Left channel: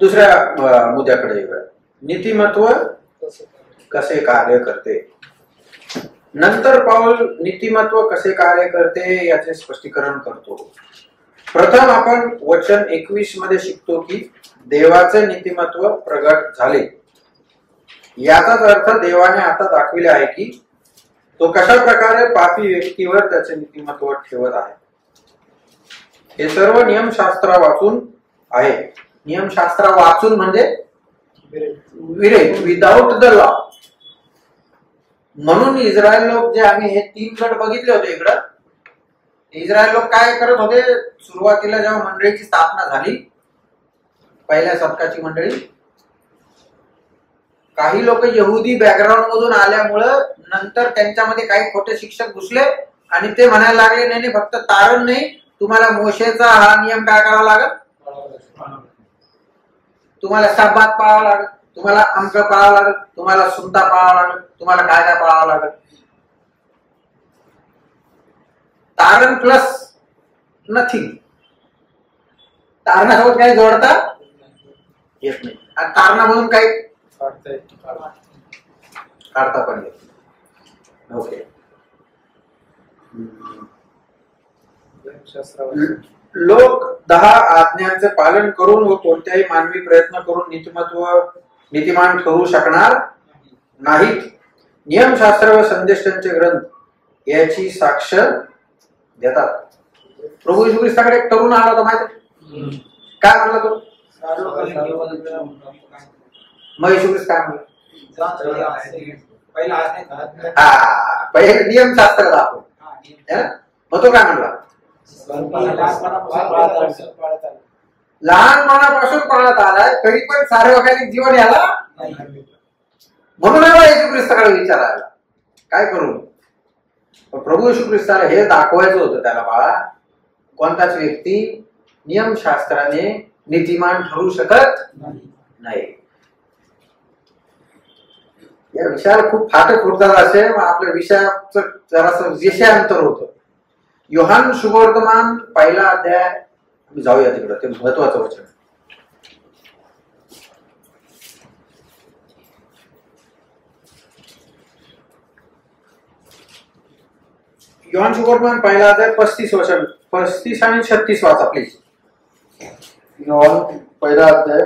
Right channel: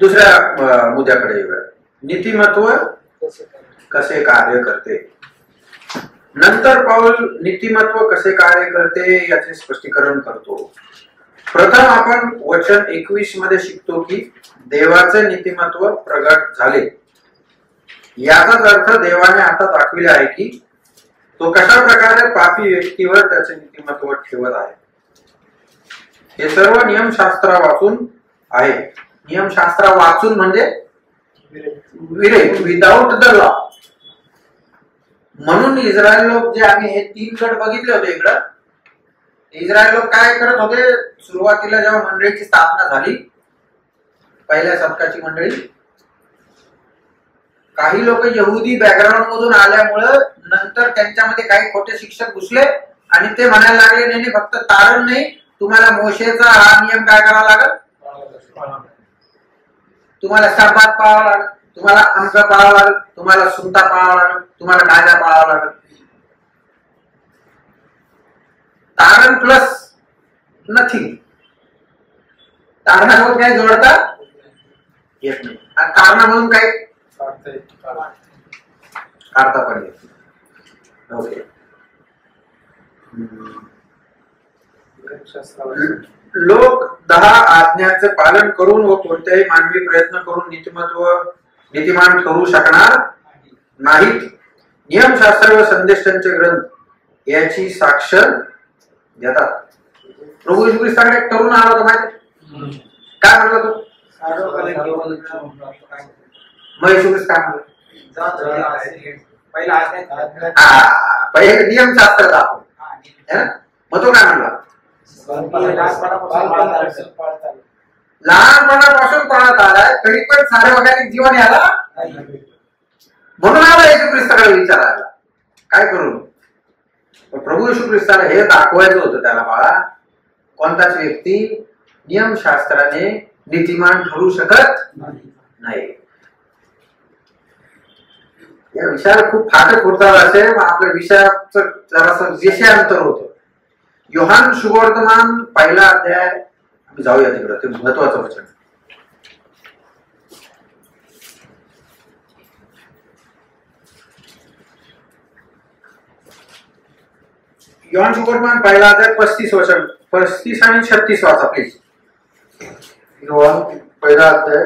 दुसऱ्या मुद्द्याकडे येऊया. नीतिमत्व कसे कार्य करते. नंतर पाऊल नीतिमत्व कसे कार्य करते याचे स्पष्टीकरण करतो. प्रथम आपण वचन 21 मध्ये शिकतो की देवाचे नीतिमत्व प्रगट झाले. याचाच अर्थ देवाने आता दाखविले आहे की तो कशा प्रकारे पापी व्यक्तीवर त्याचे नीतिमत्व ठेवत आहे. हे सर्व नियमशास्त्र वाचून आहे. नियमशास्त्र वाचून म्हणजे विदाउट द लॉ. म्हणून इस्रायल लोक जे आम्ही हे 3 गट बघितले होते इकडं, इस्रायल लोक काय करत होते. सुरुवातीला जेव्हा मंडळीची स्थापना झाली, पहिल्या शतकाची मंडळी, काही लोक यहुदी बॅकग्राऊंड मधून आल्यामुळं नंतर त्यांच्यामध्ये काही खोटे शिक्षक घुसले आणि ते म्हणायला लागले नाही फक्त तारण नाही, तुम्हाला मोशेचा हा नियम काय करावा लागेल, तुम्हाला शब्बात पाळावा लागेल, तुम्हाला अंक पाळावा लागेल, तुम्हाला सुनता पाळावा लागेल, तुम्हाला कायदा पाळावा लागेल. तारण प्लस नथिंग. तारणासोबत काही जोडता येत नाही आणि कारणामधून काही काढता पण येत नाही. ओके. लोक 10 आज्ञांचे पालन करून व कोणत्याही मानवी प्रयत्न करून नीतिमान ठरू शकणार नाहीत. नियमशास्त्र व संदेशांचे ग्रंथ याची साक्ष देतात. प्रभू येशू ख्रिस्ताकडे एक तरुण आला होता माहिती काय म्हणला तो. मग येशू ख्रिस्त काय म्हणला, पहिले नियमशास्त्र दाखव. मग तो काय म्हणला, लहानपणापासून पाळत आलाय तरी पण सार्वकालिक जीवन याला म्हणून आला येशू ख्रिस्ताकडे विचारायला काय करू. प्रभू येशू ख्रिस्ताला हे दाखवायचं होतं त्याला, बाळा कोणताच व्यक्ती नियमशास्त्राने नीतिमान ठरू शकत नाही. या विषयाला खूप फाटक उडतात असे आपल्या विषयाचं जरासं विषयांतर होतं. योहान शुभवर्तमान 1 अध्याय, आम्ही जाऊया तिकडं, ते महत्वाचं वचन. योहान शुभवर्तमान 1 अध्याय 35 वचन, 35 आणि 36 वाचा प्लीज. योहान 1 अध्याय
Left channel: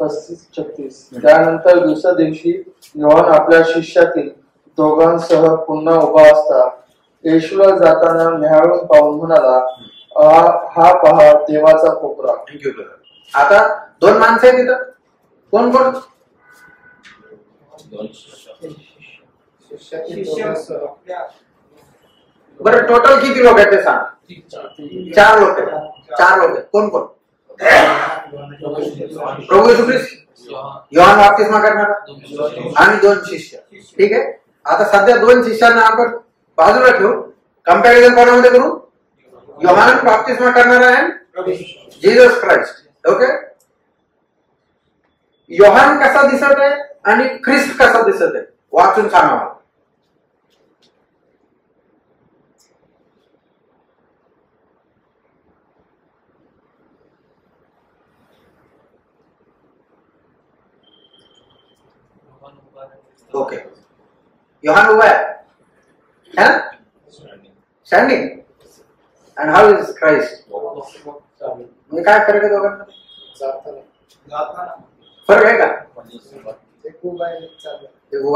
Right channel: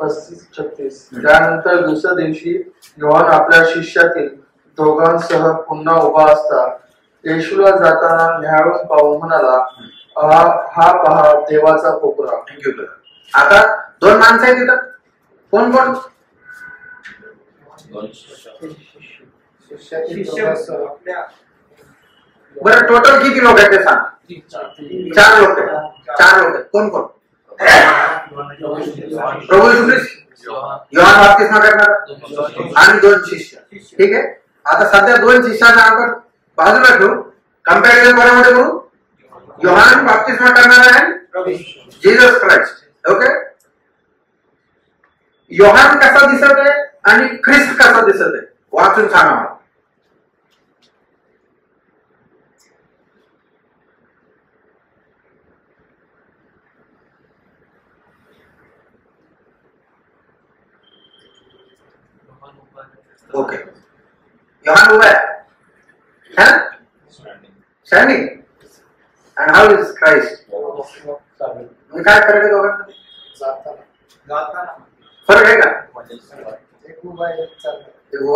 35-36. त्यानंतर दुसऱ्या दिवशी योहान आपल्या शिष्यातील दोघांसह पुन्हा उभा असता येशूला जाताना न्याहाळून पाहून म्हणाला, हा पहा देवाचा कोपरा. थँक्यू. आता 2 माणसं आहेत तिथं. कोण कोण. बरं टोटल किती लोक आहेत ते सांग. 4 लोक आहेत. 4 लोक आहेत. कोण कोण. प्रभू येशू ख्रिस्त, योहान बाप्तिस्मा करणारा आणि 2 शिष्य. ठीक आहे. आता सध्या 2 शिष्यांना आपण बाजूला ठेवू, कंपॅरिझन कोणामध्ये करू, योहान बाप्तिस्मा करणारा आहे जीसस क्राइस्ट. ओके. योहान कसा दिसत आहे आणि ख्रिस्त कसा दिसत आहे वाचून सांगा मला. ओके. योहान उभा आहे, standing. And how is Christ. म्हणजे काय फरक आहे दोघांमध्ये. फरक आहे का. एक उभा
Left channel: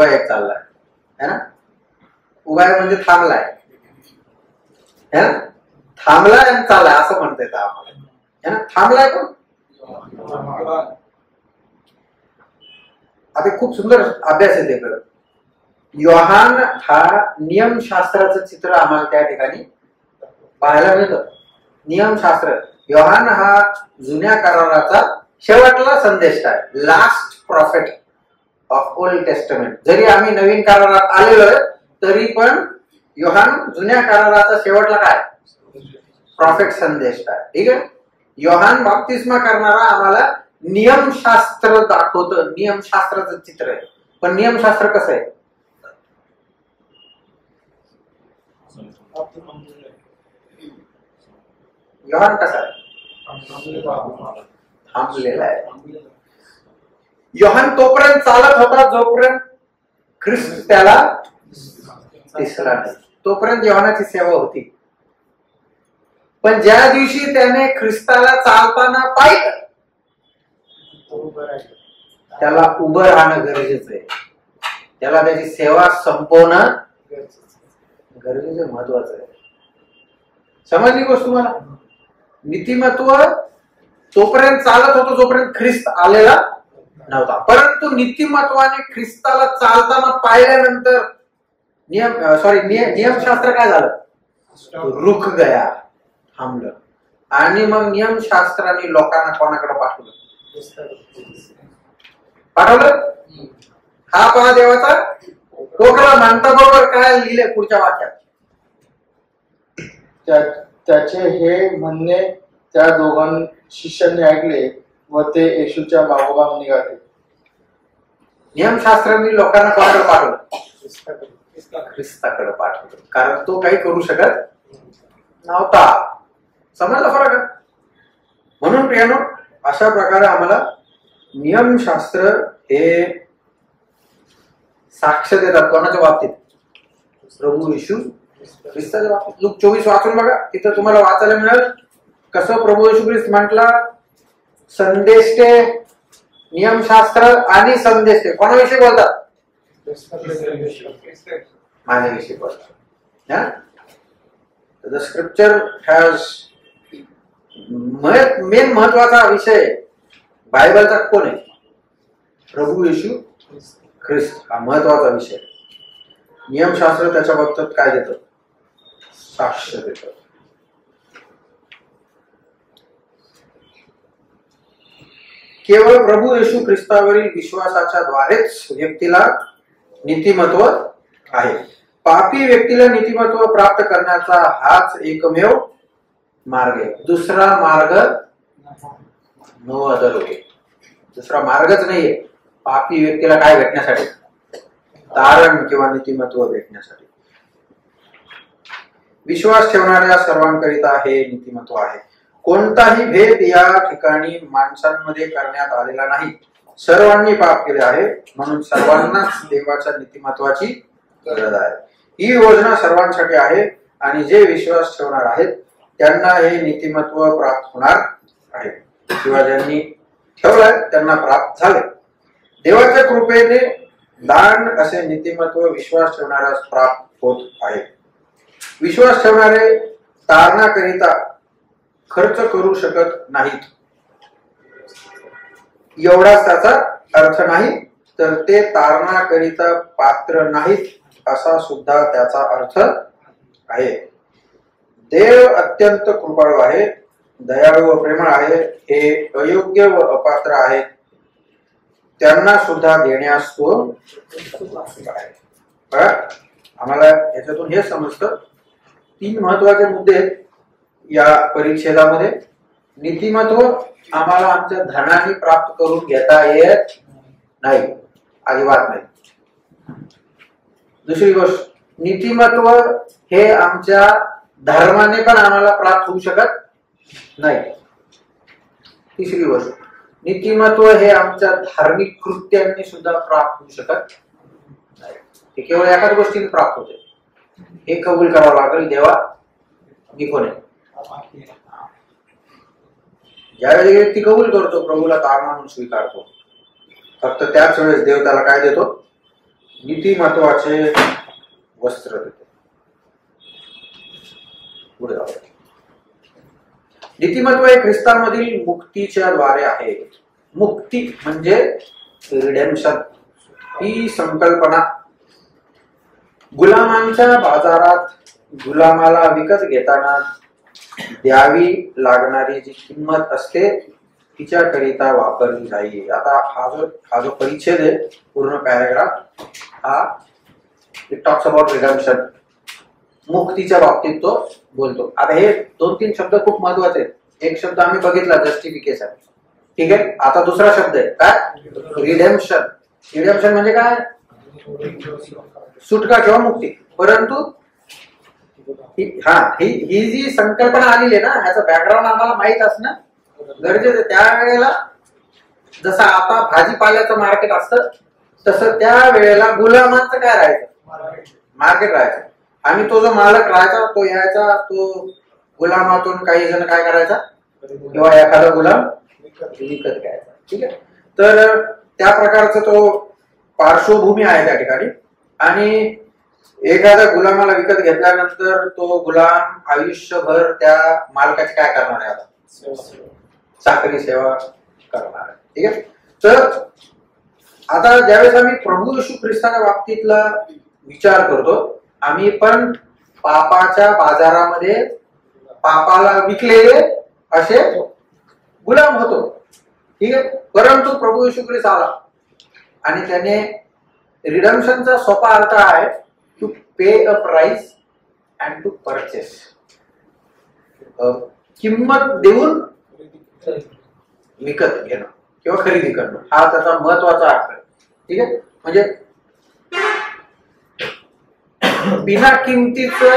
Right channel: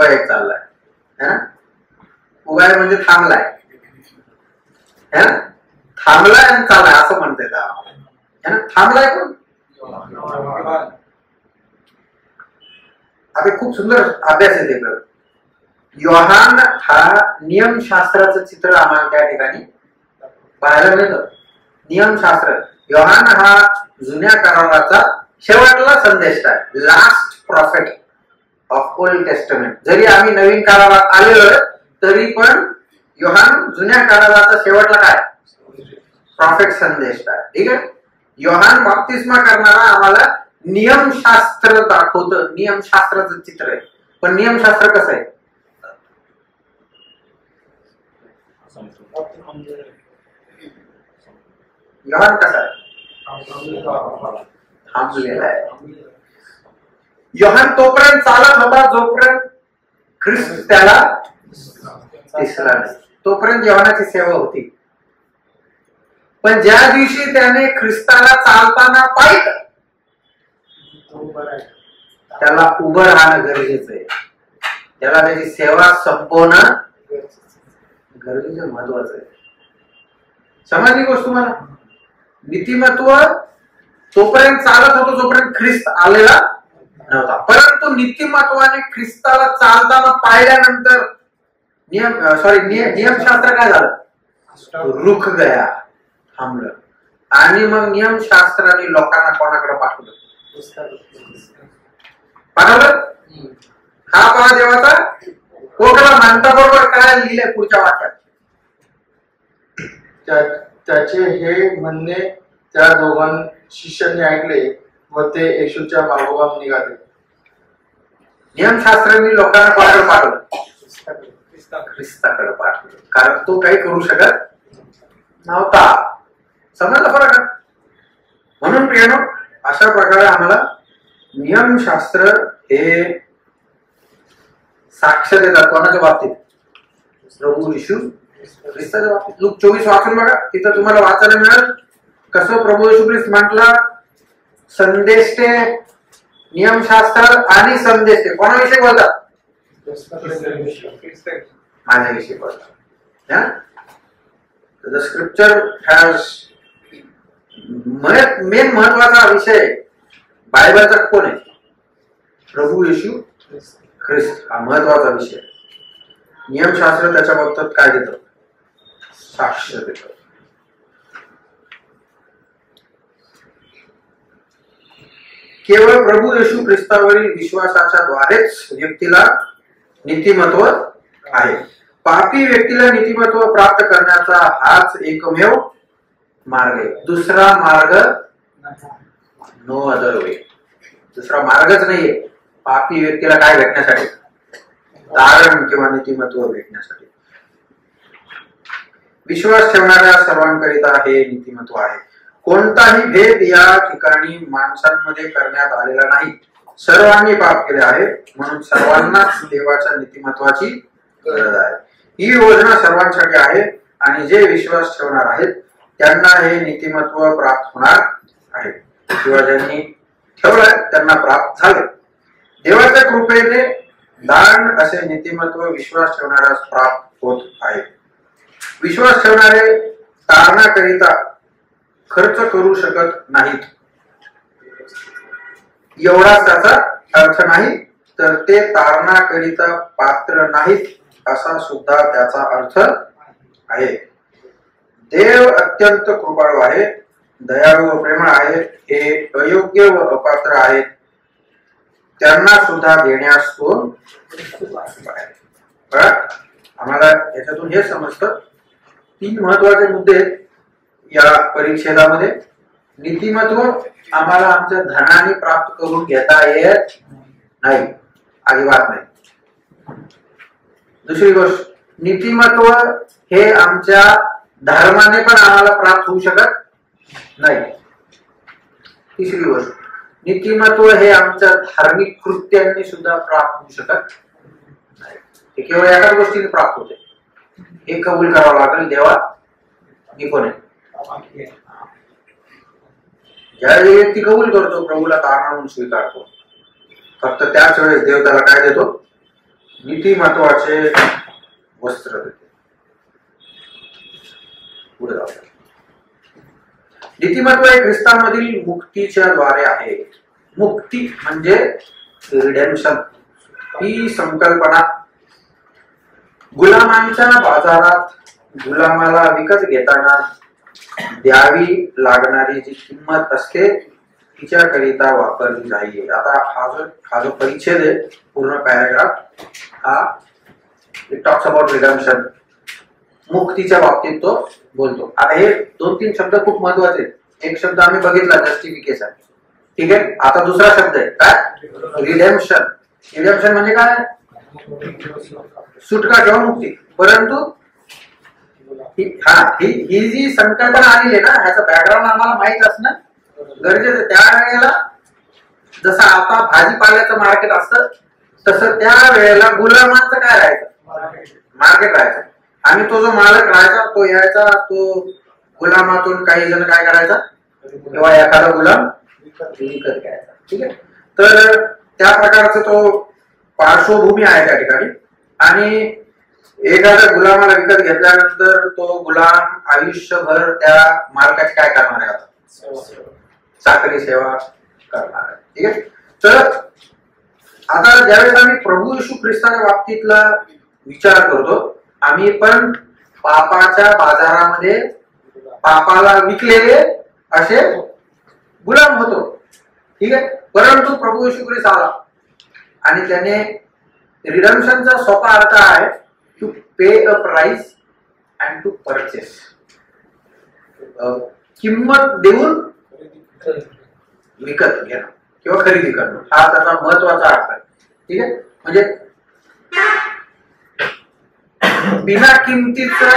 एक चाललाय है ना. उभा आहे म्हणजे थांबलाय है ना. थांबलाय आणि चाललाय असं म्हणता येतं आम्हाला है ना. थांबलाय कोण. आता खूप सुंदर अभ्यास आहे ते. योहान हा नियमशास्त्राचं चित्र आम्हाला त्या ठिकाणी पाहायला मिळतं. नियमशास्त्र. योहान हा जुन्या कराराचा शेवटला संदेश आहे. Last profit of old testament. जरी आम्ही नवीन करारात आलेलो आहे तरी पण योहान जुन्या कराराचा शेवटला काय प्रॉफिट संदेश आहे. ठीक आहे. योहान बाप्तिस्मा करणारा आम्हाला नियमशास्त्र दाखवतं. नियमशास्त्राचं चित्र आहे. पण नियमशास्त्र कसं आहे. योहान कसा आहे. थांबलेला आहे. योहान तोपर्यंत चालत होता जोपर्यंत ख्रिस्त त्याला दिसला नाही, तोपर्यंत योहानाची सेवा होती. पण ज्या दिवशी त्याने ख्रिस्ताला चालताना पाहिलं, त्याला उभं राहणं गरजेचं आहे. त्याला त्याची सेवा संपवणं गरजेचं, महत्वाचं आहे. समजली गोष्ट तुम्हाला? नीतिमत्व तोपर्यंत चालत होतो जोपर्यंत ख्रिस्त आलेला नव्हता. परंतु नीतिमत्वाने ख्रिस्ताला चालताना पाहिल्यानंतर नियमशास्त्र काय झालं? रुख गया, थांबलं. आणि मग नियमशास्त्राने लोकांना कोणाकडे पाठवलं? हा पहा देवाचा कोकला म्हणता बरोबर काय लिहिले पुढच्या वाक्यात. त्याचे हे म्हणणे त्या दोघां शिष्यांनी ऐकले व ते येशूच्या मागोमाग निघाले. नियमशास्त्रांनी लोकांना कोणाकडे पाठवलं? ख्रिस्ताकडे पाठवलं, कारण तो काही करू शकत नव्हता. समजला फरक? म्हणून प्रियानो, अशा प्रकारे आम्हाला नियमशास्त्र हे साक्ष देतात. कोणाच्या बाबतीत? प्रभू येशू ख्रिस्ताच्या बाबतीत. लूक 24 वाचून बघा, तिथं तुम्हाला वाचायला मिळेल कसं प्रभू येशू ख्रिस्त म्हटला, संदेश ते नियमशास्त्र आणि संदेश ते कोणाविषयी बोलतात? माझ्याविषयी बोलतात. द स्क्रिप्चर हॅज मेन महत्वाचा विषय बायबलचा कोण आहे? प्रभू येशू ख्रिस्त हा महत्वाचा विषय. नियमशास्त्र त्याच्या बाबतीत काय देतं? साक्ष देतं. केवळ प्रभू येशू ख्रिस्तावरील विश्वासाच्या द्वारेच व्यक्तीला नीतिमत्व आहे. पापी व्यक्तीला नीतिमत्व प्राप्त करण्याचा हाच एकमेव मार्ग आहे. दुसरा मार्ग नो अदर वे. दुसरा मार्गच नाहीये पापी व्यक्तीला काय भेटण्यासाठी? तारण किंवा नीतिमत्व भेटण्यासाठी. विश्वास ठेवणाऱ्या सर्वांकरिता हे नीतिमत्व आहे. कोणताही भेद या ठिकाणी माणसांमध्ये करण्यात आलेला नाही. सर्वांनी पाप केले आहे, म्हणून सर्वांना देवाच्या नीतिमत्वाची गरज आहे. ही योजना सर्वांसाठी आहे आणि जे विश्वास ठेवणार आहेत त्यांना हे नीतिमत्व प्राप्त होणार आहे किंवा ज्यांनी ठेवलाय त्यांना प्राप्त झाले. देवाच्या कृपेने दान असे नीतिमत्व विश्वास ठेवणाऱ्यास प्राप्त होत आहे. विश्वास ठेवणारे तारणाकरिता खर्च करू शकत नाहीत एवढाच त्याचा अर्थ नाही, तर ते तारणाकरिता पात्र नाहीत असा सुद्धा त्याचा अर्थ आहे. देव अत्यंत कृपाळू आहे, दयाळू व प्रेमळ आहे. हे अयोग्य व अपात्र आहेत, त्यांना सुद्धा देण्यास तो आहे. आम्हाला याच्यातून हे समजतं 3 महत्वाचे मुद्दे या परिच्छेदामध्ये. नीतिमत्व आम्हाला आमच्या धनाने प्राप्त करून घेता येत नाही, अजिबात नाही. दुसरी गोष्ट, नीतिमत्व हे आमच्या धर्माने पण आम्हाला प्राप्त होऊ शकत नाही. तिसरी गोष्ट, नीतिमत्व हे आमच्या धार्मिक कृत्यांनी सुद्धा प्राप्त होऊ शकत नाही. हे केवळ एकाच गोष्टीने प्राप्त होते. हे कबूल करावं लागेल, देवा मी कोण आहे. ज्यावेळी व्यक्ती कबूल करतो, प्रभूला तारणा म्हणून स्वीकारतो, फक्त त्याच वेळेस देव त्याला काय देतो? नीतिमत्वाचे वस्त्र देतो. पुढे जाऊया. नीतिमत्व हे ख्रिस्तामधील मुक्तीच्या द्वारे आहे. मुक्ती म्हणजे रिडेम्पशन ही संकल्पना गुलामांच्या बाजारात गुलामाला विकत घेताना द्यावी लागणारी जी किंमत असते तिच्याकरिता वापरली जाईल. आता हा जो परिच्छेद आहे, पूर्ण पॅराग्राफ, हा इट टॉक्स अबाउट रिडेम्पशन, मुक्तीच्या बाबतीत तो बोलतो. आता हे 2-3 शब्द खूप महत्वाचे आहेत. एक शब्द आम्ही बघितला, जस्टिफिकेशन, ठीक आहे. आता दुसरा शब्द आहे काय? रिडेम्पशन. रिडेम्पशन म्हणजे काय? सुटका किंवा मुक्ती. परंतु ही जी संकल्पना आलेली आहे ना, ह्याचं बॅकग्राऊंड आम्हाला माहित असणं गरजेचं. त्यावेळेला जसं आता भाजीपाल्याचं मार्केट असतं तसं त्या वेळेला गुलामांचं काय राहायचं, मार्केट राहायचं. आणि तो जो मालक राहायचा तो यायचा, तो गुलामातून काही जण काय करायचा, किंवा एखादा गुलाम विकत घ्यायचा. ठीक आहे. तर त्या प्रकारचा तो पार्श्वभूमी आहे त्या ठिकाणी. आणि एखाद्या गुलामाला विकत घेतल्यानंतर तो गुलाम आयुष्यभर त्या मालकाची काय करणार आहे, आता चाकरी सेवा करणार आहे. ठीक आहे. तर आता ज्यावेळेस आम्ही प्रभू येशू ख्रिस्ताच्या बाबतीतला विचार करतो, आम्ही पण पापाच्या बाजारामध्ये पापाला विकलेले असे गुलाम होतो. ठीक आहे. परंतु प्रभू येशू ख्रिस्त आला आणि त्याने रिडम्पशनचा सोपा अर्थ आहे to pay a price and to purchase, किंमत देऊन विकत घेणं किंवा खरेदी करणं, हा त्याचा महत्वाचा अर्थ आहे. ठीक आहे. म्हणजे बिना किमतीचं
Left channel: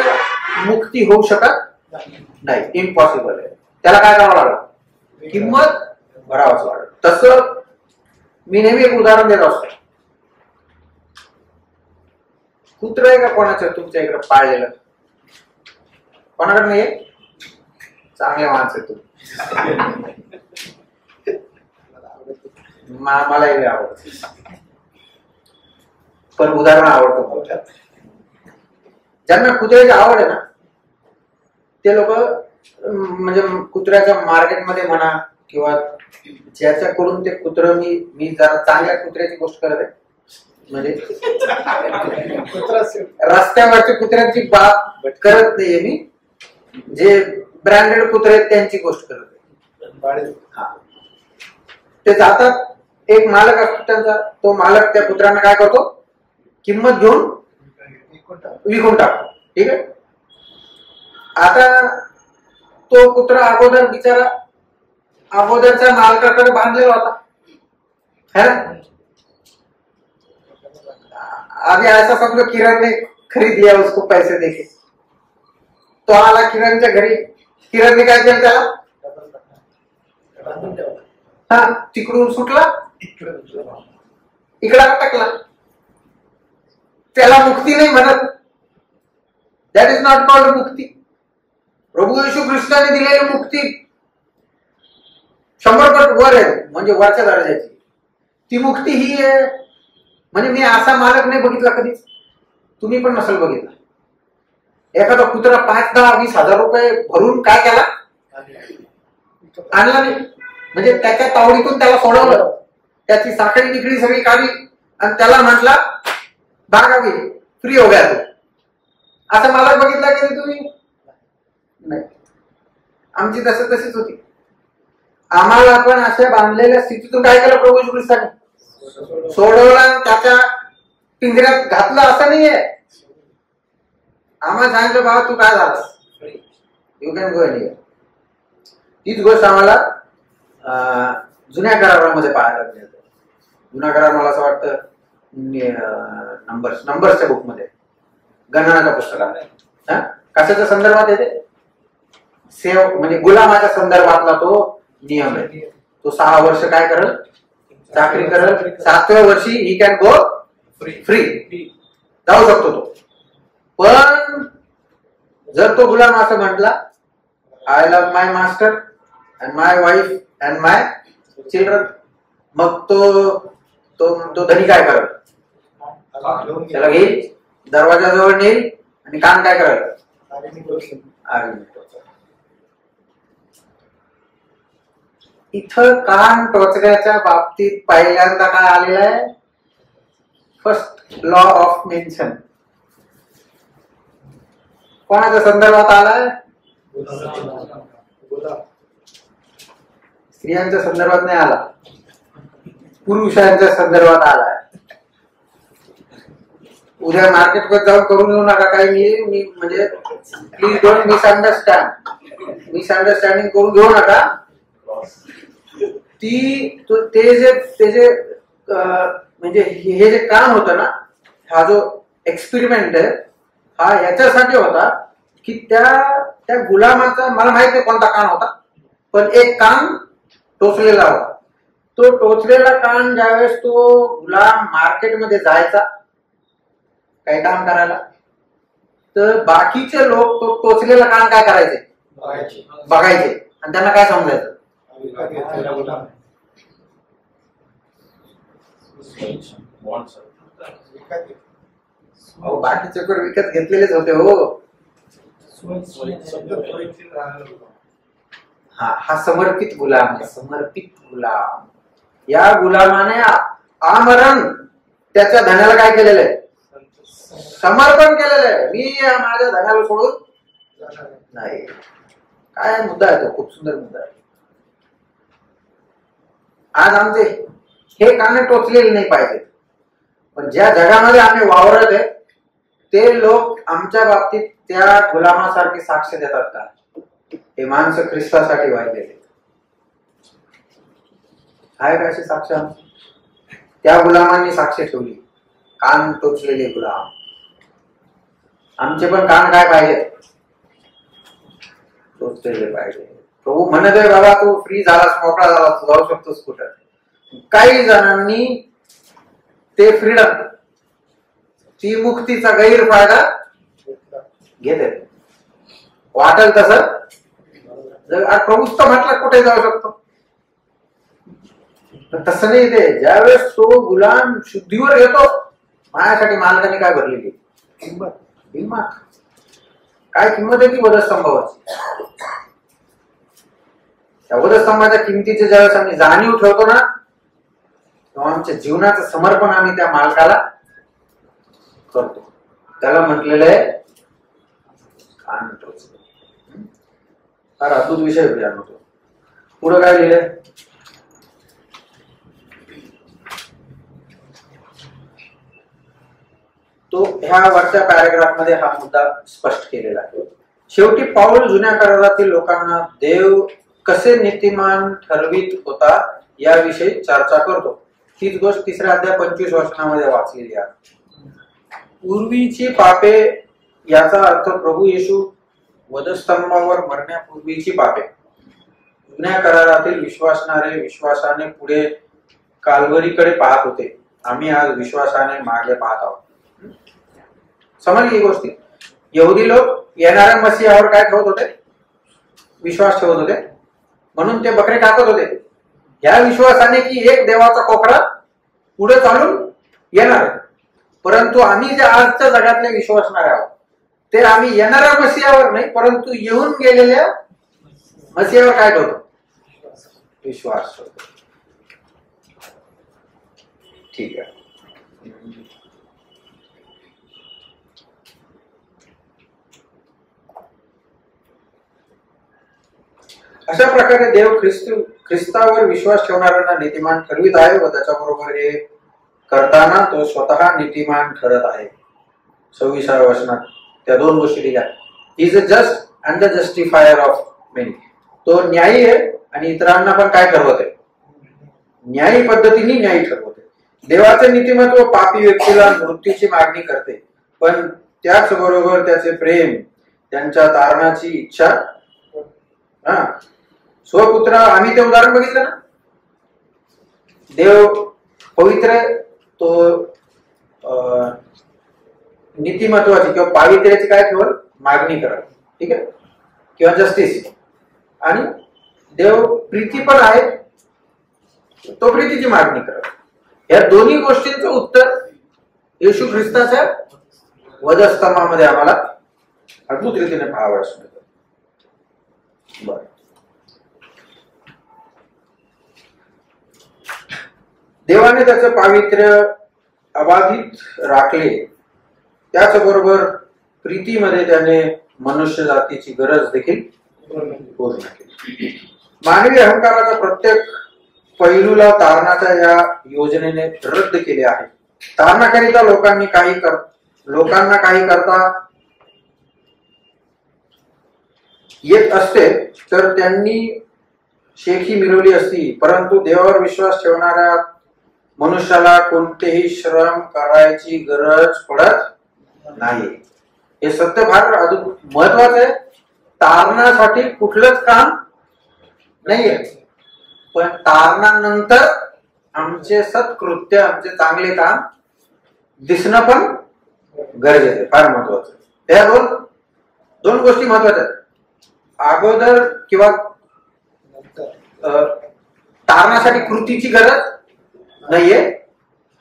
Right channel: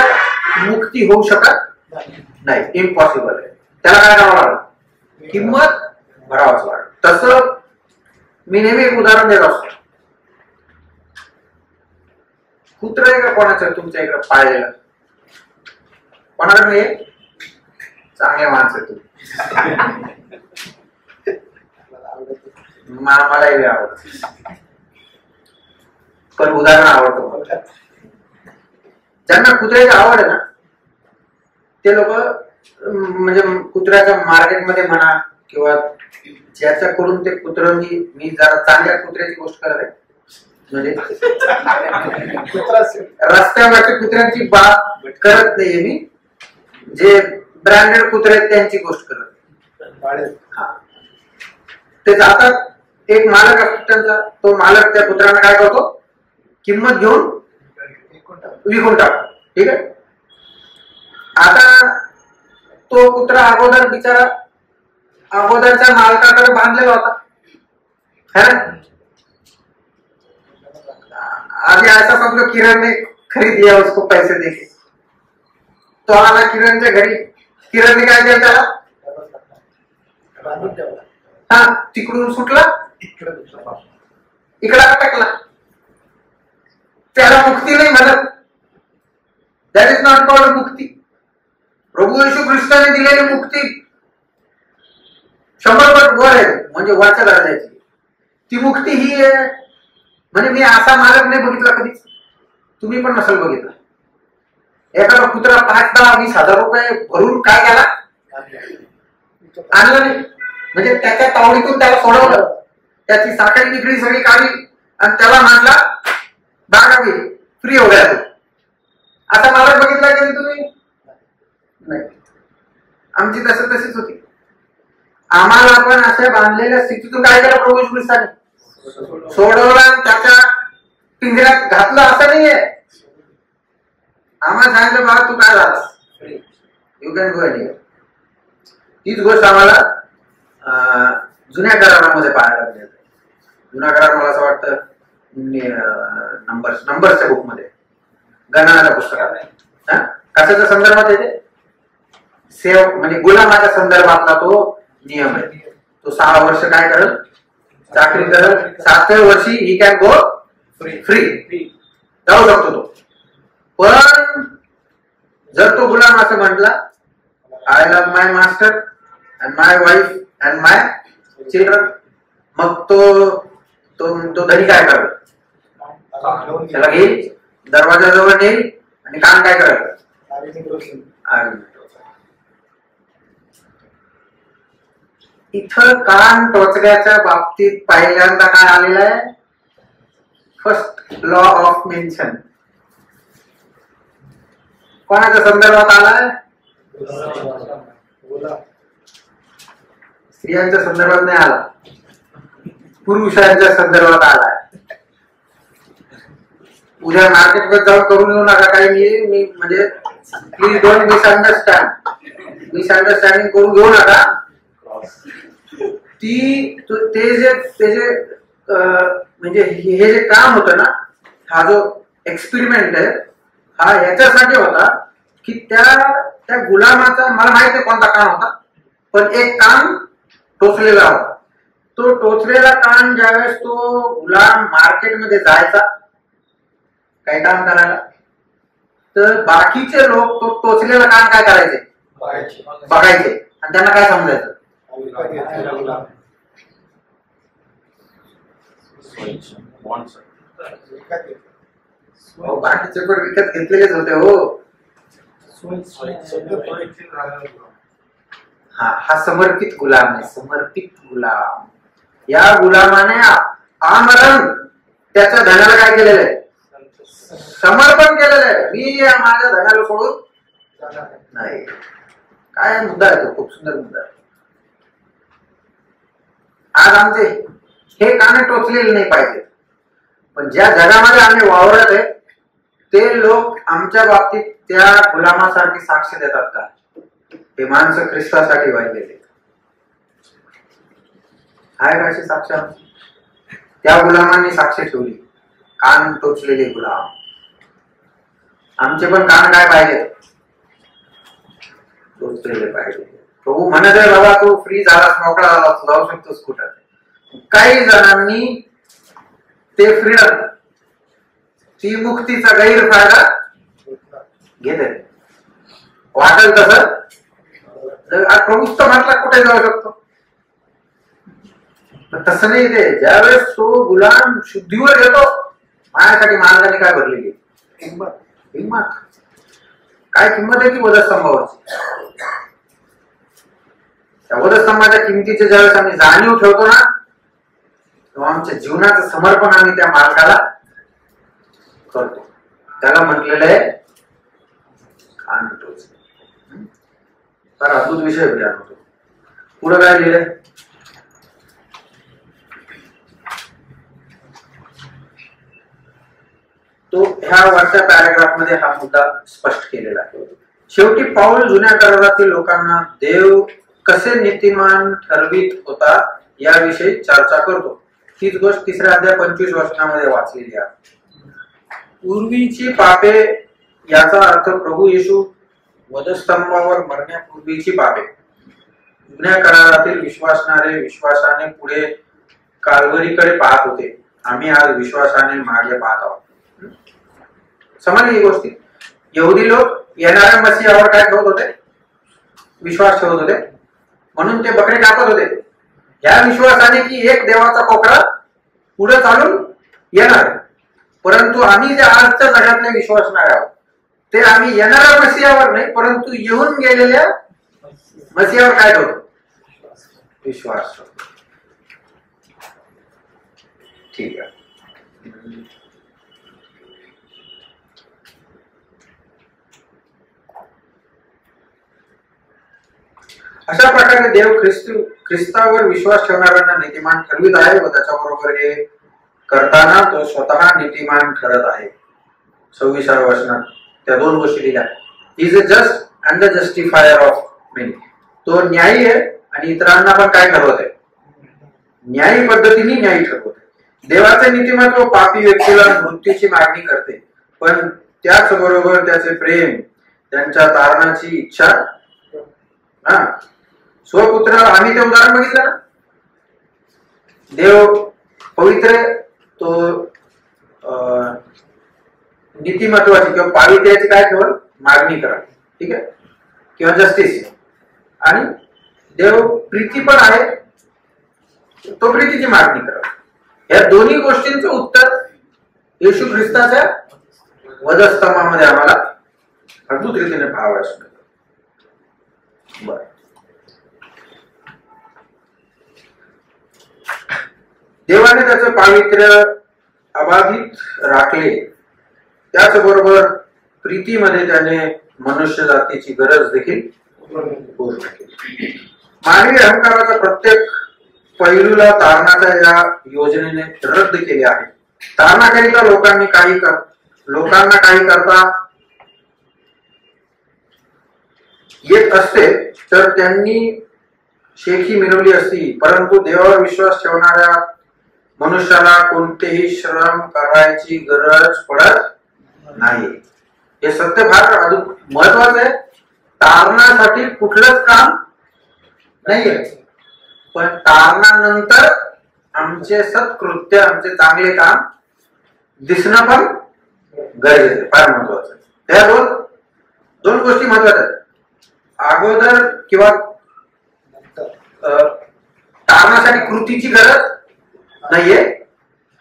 मुक्ती होऊ शकत नाही, इम्पॉसिबल आहे. त्याला काय करावं लागलं, किंमत भरावंच लागलं. तसं मी नेहमी एक उदाहरण देत असतो. कुत्र आहे का कोणाचं तुमच्या इकडे पाळलेलं, कोणाकडे नाही, चांगले माणसं तू, मलाही आवडत, पण उदाहरण आवडतो. ज्यांना कुत्र्याची आवड आहे ना ते लोक म्हणजे कुत्र्याच्या मार्केटमध्ये म्हणा किंवा ज्याच्याकडून ते कुत्र, मी जरा चांगल्या कुत्र्याची गोष्ट करत आहे, म्हणजे रस्त्यावरच्या कुत्र्यांची बात करत नाहीये मी, जे ब्रँडेड कुत्रे आहेत त्यांची गोष्ट करत आहे. ते जातात, एक मालक असतो त्यांचा, तो मालक त्या कुत्र्यांना काय करतो, किंमत घेऊन विकून टाकतो. ठीक आहे. आता तो कुत्रा अगोदर बिचारा अगोदरच्या मालकाकडे बांधलेला होता है ना. आगे ऐसा समझो किरण ने खरीद लिया उसको पैसे देके, तो आला किरणच्या घरी, किरणने काय केलं त्याला, हा तिकडून सुटला इकडे अटकला. त्याला मुक्ती नाही म्हणत, दॅट इज नॉट कॉल्ड मुक्ती. प्रभू येशू ख्रिस्ताने दिलेली मुक्ती 100 पट वर आहे, म्हणजे वरच्या दर्जाची. ती मुक्ती ही आहे. म्हणजे मी असा मालक नाही बघितला कधीच, तुम्ही पण नसेल बघितला. एखादा कुत्रा 5, 10, 20 हजार रुपये भरून काय केला, आणला नाही, म्हणजे त्याच्या तावडीतून त्याला सोडवलं, त्याची साखळी निकडी सगळी काढली आणि त्याला म्हटला भागा घे, फ्री हो गया तो. असा मालक बघितला कधी तुम्ही? नाही. आमची तशीच होती. आम्हाला पण अशा बांधलेल्या स्थितीतून काय केलं प्रभू येशू ख्रिस्ताने, सोडवला, त्याच्या पिंजऱ्यात घातलं असं नाहीये. आम्हाला सांगितलं बाबा तू काय झाला, यू कॅन गो एनी. तीच गोष्ट आम्हाला जुन्या करारामध्ये पाहायला मिळते. जुना करार मला असं वाटतं नंबर्सच्या बुक मध्ये, गणनाच्या पुस्तकात आहे. कशाच्या संदर्भात येते, सेव म्हणजे गुलामाच्या संदर्भातला तो नियम आहे. तो 6 वर्ष काय करल, चाकरी करल, 7व्या वर्षी ही कॅन गो फ्री, जाऊ शकतो तो. पण जर तो गुलाम असं म्हटला, I love my master and my wife and my children, मग तो धनी काय करेल, त्याला घेईल, दरवाजाजवळ नेईल आणि कान काय करेल, इथं कान टोचण्याच्या बाबतीत पहिल्यांदा काय आलेलं आहे, फर्स्ट लॉ ऑफ मेन्शन कोणाच्या संदर्भात आलाय, स्त्रियांच्या संदर्भात नाही आला, पुरुषांच्या संदर्भात आलाय. उद्या मार्केटमध्ये जाऊन करून येऊ नका काही, मी म्हणजे प्लीज डोंट मिसअंडरस्टँडिंग करून घेऊ नका. ते जे म्हणजे हे जे काम होतं ना, हा जो एक्सपेरिमेंट आहे हा याच्यासाठी होता की त्या गुलामाचा, मला माहित नाही कोणता कान होता, पण एक कान टोचलेला होता तो टोचलेला कान ज्यावेळेस तो गुलाम मार्केटमध्ये जायचा काही काम करायला, तर बाकीचे लोक तो टोचलेला कान काय करायचे, बघायचे आणि त्यांना काय समजायचं, बाकीचे पण विकत घेतलेलेच होते हो. हा समर्पित गुलाम आहे, समर्पित गुलाम. या गुलामाने आमरण त्याच्या धनाला काय केलेलं आहे, समर्पण केलेलं आहे. मी माझ्या धनाला सोडून नाही. काय मुद्दा आहे तो, खूप सुंदर मुद्दा आहे. आज आमचे हे काने टोचलेले नाही पाहिजे, पण ज्या जगामध्ये आम्ही वावरत आहे ते लोक आमच्या बाबतीत त्या गुलामासारखी साक्ष देतात का? हे माणसं ख्रिस्तासाठी वाहिलेले आहे का अशी साक्ष? त्या गुलामांनी साक्ष ठेवली, कान टोचलेले गुलाम. आमचे पण कान काय पाहिजे, टोचलेले पाहिजे. प्रभू म्हणत आहे बाबा तू फ्री झालास, मोकळा झालास, तू जाऊ शकतोस कुठं. काही जणांनी ते फ्रीडम, ती मुक्तीचा गैरफायदा घेते. वाटेल तसं प्रभूच तर म्हटलं कुठे जाऊ शकतो, पण तसं नाही. ते ज्यावेळेस तो गुलाम शुद्धीवर येतो, माझ्यासाठी मालकाने काय भरलेली किंमत, काय किंमत आहे ती वधस्तंभावरची. त्या वधस्तंभाच्या किमतीचे ज्यावेळेस आम्ही जाणीव ठेवतो ना, तेव्हा आमच्या जीवनाचं समर्पण आम्ही त्या मालकाला करतो. त्याला म्हटलेलं आहे कान टोचले. फार अद्भुत विषय होतो. पुढे काय लिहिलंय, तो ह्या वरच्या पॅराग्राफ मध्ये हा मुद्दा स्पष्ट केलेला आहे. शेवटी पाऊल जुन्या करारातील लोकांना देव कसे नीतिमान ठरवित होता याविषयी चर्चा करतो. हीच गोष्ट 3 अध्याय 25 वचनामध्ये वाचलेली आहे. पूर्वीची पापे याचा अर्थ प्रभू येशू वधस्तंभावर मरण्यापूर्वीची पापे. जुन्या करारातील विश्वासणारे विश्वासाने पुढे काल्वरीकडे पाहत होते. आम्ही आज विश्वासाने मागे पाहत आहोत. समजली ही गोष्टी. यहुदी लोक येणाऱ्या मसीहावर काय ठेवत होते, विश्वास ठेवत होते, म्हणून ते बकरे टाकत होते या विश्वासाने की एक देवाचा कोकरा पुढे चालून येणार. परंतु आम्ही जे आजच्या जगातले विश्वासणारे आहोत ते आम्ही येणाऱ्या मसीहावर नाही, परंतु येऊन गेलेल्या मसीहावर काय ठेवतो, विश्वास ठेवतो. ठीक आहे. अशा प्रकारे देव ख्रिस्तावर विश्वास ठेवणाऱ्यांना नीतिमान ठरवित आहे व त्याच्याबरोबर हे करताना तो स्वतः नीतिमान ठरत आहे. 26व्या वचनात त्या दोन गोष्टी लिहिल्या. He is a just and the justifier of many. तो न्यायी आहे आणि इतरांना पण काय ठरवते, न्यायी पद्धतीने न्यायी ठरवते. देवाचे नीतिमत्व पापी व्यक्तीला मृत्यूची मागणी करते, पण त्याचबरोबर त्याचे प्रेम, त्यांच्या तारणाची इच्छा. स्वपुत्र, आम्ही ते उदाहरण बघितलं ना, देव पवित्र, तो नीतिमत्वाची किंवा पावित्र्याची काय केवळ मागणी करा, ठीक आहे, किंवा जस्टिस. आणि देव प्रीती पण आहे, तो प्रीतीची मागणी करा. या दोन्ही गोष्टींचं उत्तर येशू ख्रिस्ताच्या वधस्तंभामध्ये आम्हाला अद्भुत रीतीने पाहावयास मिळतं. बर, देवाने त्याचं पावित्र्य अबाधित राखले, त्याचबरोबर प्रीतीमध्ये त्याने मनुष्य जातीची गरज देखील पूर्ण केली. मानवी अहंकाराच्या प्रत्येक पैलूला तारणाच्या या योजनेने रद्द केले आहे. तारणाकरिता लोकांना काही करता येत असते तर त्यांनी शेखी मिळवली असती, परंतु देवावर विश्वास ठेवणाऱ्या मनुष्याला कोणतेही श्रम करायची गरज पडत नाही. हे सत्य फार महत्वाचं आहे. तारणासाठी कुठलंच काम नाहीये, पण तारणानंतर आमचे सत्कृत्य, आमचे चांगले काम दिसणं पण गरजेचं आहे, फार महत्वाचं आहे. त्या दोन गोष्टी महत्वाच्या आहेत. अगोदर किंवा तारणासाठी कृतीची गरज नाहीये,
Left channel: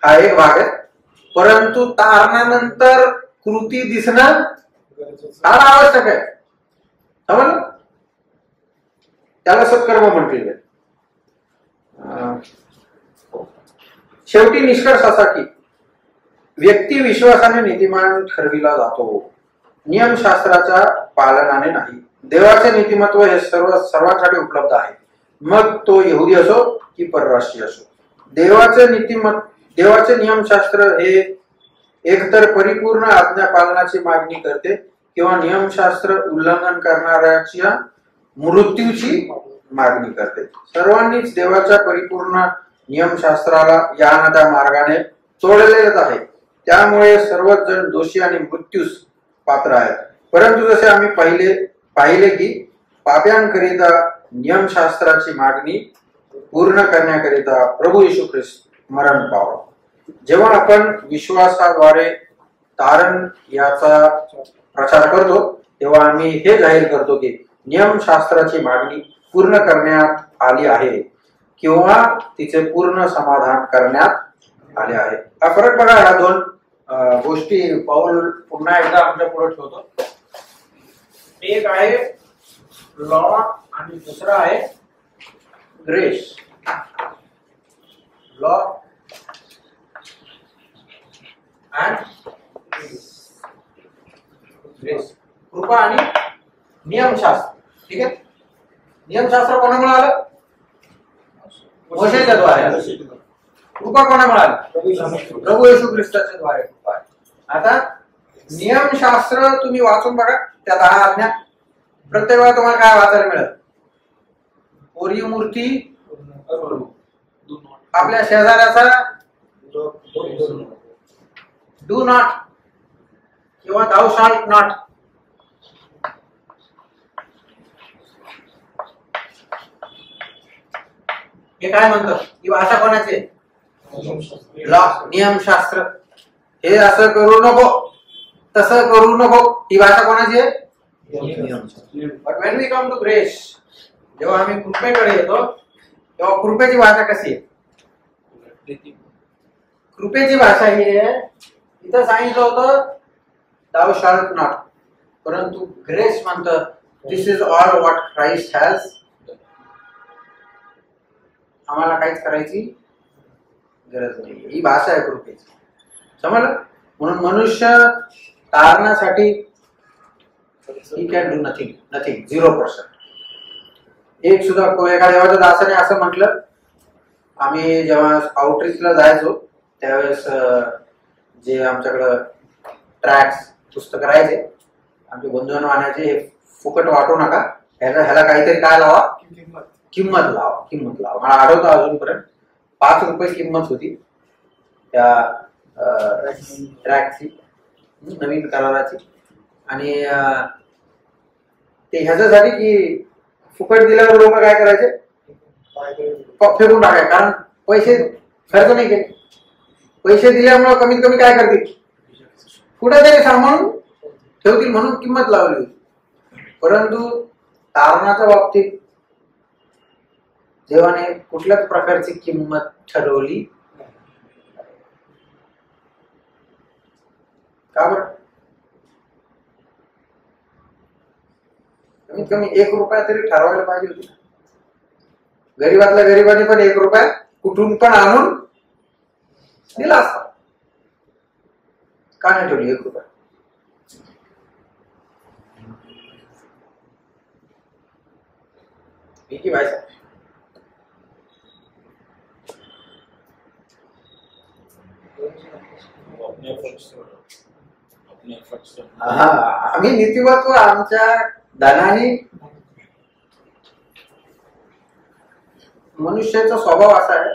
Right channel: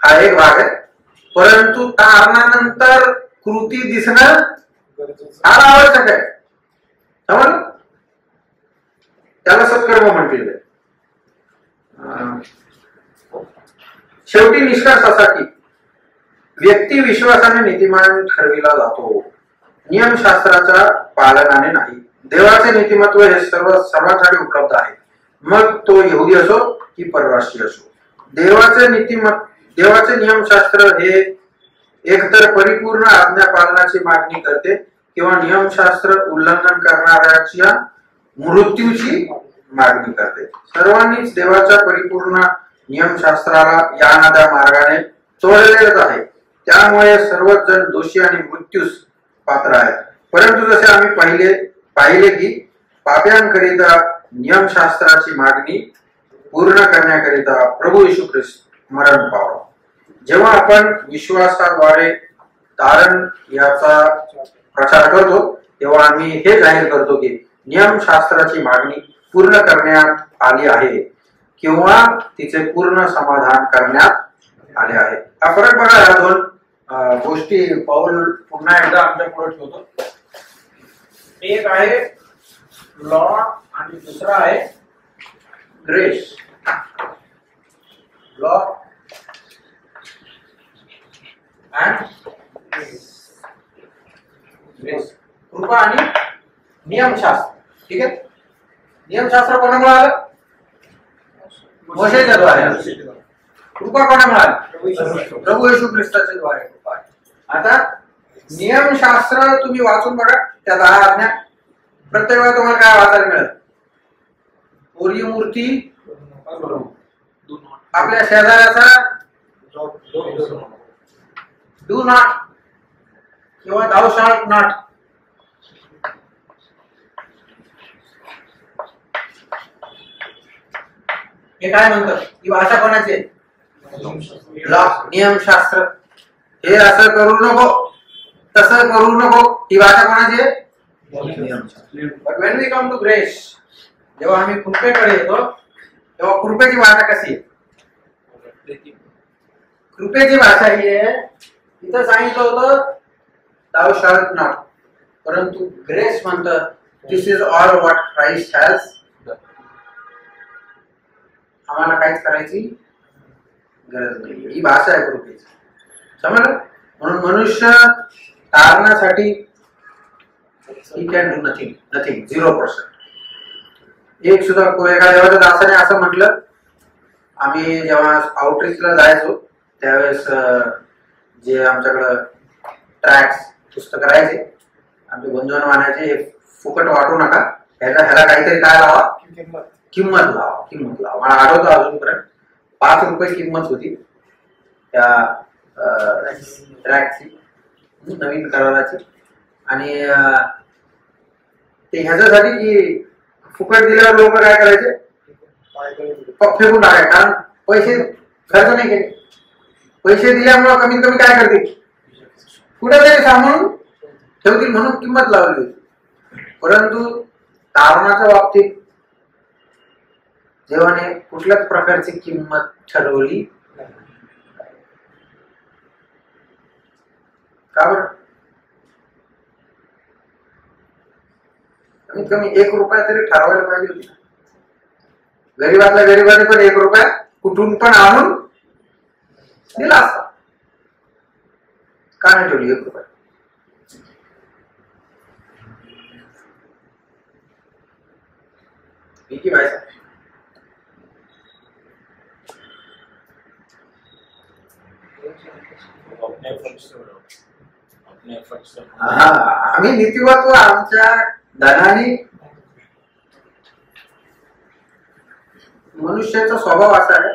हा एक भाग आहे. परंतु तारणानंतर कृती दिसणं फार आवश्यक आहे. समजलं? त्याला सत्कर्म म्हटलेलं आहे. शेवटी निष्कर्ष असा की व्यक्ती विश्वासाने नीतिमान ठरविला जातो, नियमशास्त्राच्या पालनाने नाही. देवाचे नीतिमत्व हे सर्वांसाठी उपलब्ध आहे, मग तो यहुदी असो की परराष्ट्रीय असो. देवाचे नियमशास्त्र हे एकतर परिपूर्ण आज्ञा पालनाची मागणी करते किंवा नियमशास्त्र उल्लंघन करणाऱ्याच्या मृत्यूची मागणी करते. सर्वांनीच देवाच्या परिपूर्ण नियमशास्त्राला या ना त्या मार्गाने चोळलेलंच आहे. त्यामुळे सर्वच जण दोषी आणि मृत्यूस पात्र आहेत. परंतु जसे आम्ही पाहिले की पाप्यांकरिता नियमशास्त्राची मागणी पूर्ण करण्याकरिता प्रभू येशू ख्रिस्त मरण पावला. जेव्हा आपण विश्वासाद्वारे तारण याचा प्रचार करतो तेव्हा आम्ही हे जाहीर करतो की नियमशास्त्राची मागणी पूर्ण करण्यात आली आहे किंवा तिचे पूर्ण समाधान करण्यात आले आहे. हा फरक बघा, या दोन गोष्टी पाऊल पुन्हा एकदा आमच्या पुढे ठेवतो. एक आहे लॉ आणि दुसरा आहे ग्रेस. लॉ अँड ग्रेस, कृपा आणि नियमशास्त्र. ठीक आहे, नियमशास्त्र कोणामुळे आलं? मोशेच्या द्वारे. कृपा कोणामुळे आली? प्रभू येशू ख्रिस्ताच्या द्वारे कृपा आहे. आता नियमशास्त्र तुम्ही वाचून बघा, त्या 10 आज्ञा प्रत्येक वेळा तुम्हाला काय वाचायला मिळत? ओरी मूर्ती, आपल्या शेजाऱ्याचा डू नॉट किंवा thou shalt not. हे काय म्हणतात? ही भाषा कोणाची आहे? लॉ, नियमशास्त्र. हे असं करू नको, तसं करू नको, ही भाषा कोणाची आहे? But when we come to grace, जेव्हा आम्ही कृपेकडे येतो तेव्हा कृपेची भाषा कशी आहे? कृपेची भाषा ही आहे, इथं सांगितलं होतं thou shalt not, परंतु ग्रेस म्हणतं this is all what Christ has. आम्हाला काहीच करायची गरज नाही, ही भाषा आहे कृपेची. समजलं? म्हणून मनुष्य तारणासाठी ही कॅन डू नथिंग, 0%. एक सुद्धा एका देवाच्या दासाने असं म्हटलं, आम्ही जेव्हा आउटरीचला जायचो त्यावेळेस जे आमच्याकडं ट्रॅक्स पुस्तकं राहायचे, आमचे बंधून म्हणायचे हे फुकट वाटू नका, ह्याला काहीतरी काय लावा, किंमत लावा. मला आठवतं अजूनपर्यंत 5 रुपये किंमत होती त्या ट्रॅकची, नवीन कराराची. आणि ते ह्याच्यासाठी की फुकट दिल्यावर लोक काय करायचे, फेकून टाकायचे. कारण पैसे खर्च नाही केले, पैसे दिल्यामुळे कमीत कमी काय करतील, कुठेतरी सांभाळून ठेवतील म्हणून किंमत लावली होती. परंतु तारणाच्या बाबतीत देवाने कुठल्याच प्रकारची किंमत ठरवली. का बरं? कमीत कमी 1 रुपया तरी ठरवायला पाहिजे होती. गरीबातल्या गरीबाने पण 1 रुपया कुठून पण आणून दिला असता. का नाही ठेवली 1 रुपया? विकी भाई साहब, आम्ही नीतिमत्व आमच्या धनाने, मनुष्याचा स्वभाव असा आहे.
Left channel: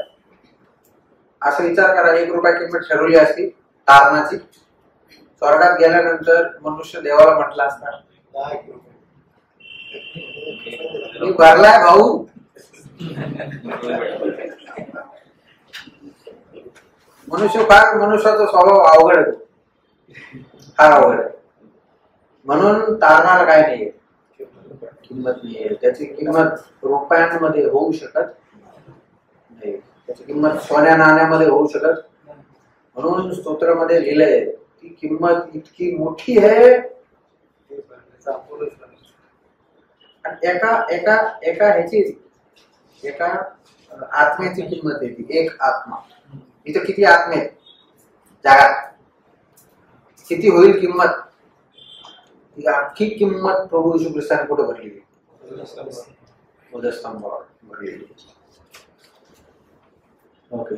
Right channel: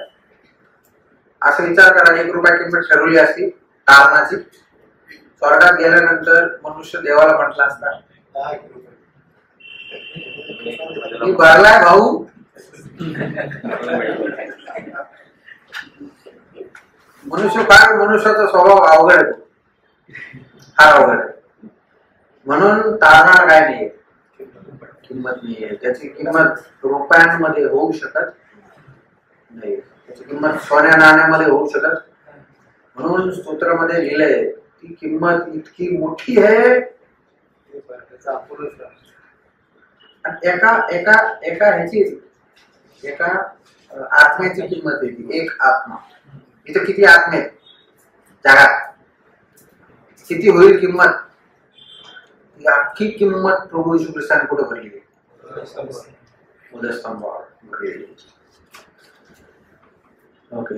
असं विचार करा, 1 रुपया किंमत ठरवली असती तारणाची, स्वर्गात गेल्यानंतर मनुष्य देवाला म्हटला असता मी भरलाय भाऊ, मनुष्याचा स्वभाव अवघड आहे, हा अवघड आहे. म्हणून तारणार काय नाही, किंमत नाहीये त्याची. किंमत रुपयांमध्ये होऊ शकत नाही, त्याची किंमत सोन्या नाण्यामध्ये होऊ शकत. म्हणून स्तोत्रामध्ये लिहिलंय ती किंमत इतकी मोठी आहे. एका एका एका ह्याची एका आत्म्याची किंमत आहे ती. एक आत्मा. इथं किती आत्मे आहेत जगात, किती होईल किंमत? ती अख्खी किंमत प्रभू येशू ख्रिस्ताने कुठे भरली? उदयस्तंभावर भरलेली. ओके.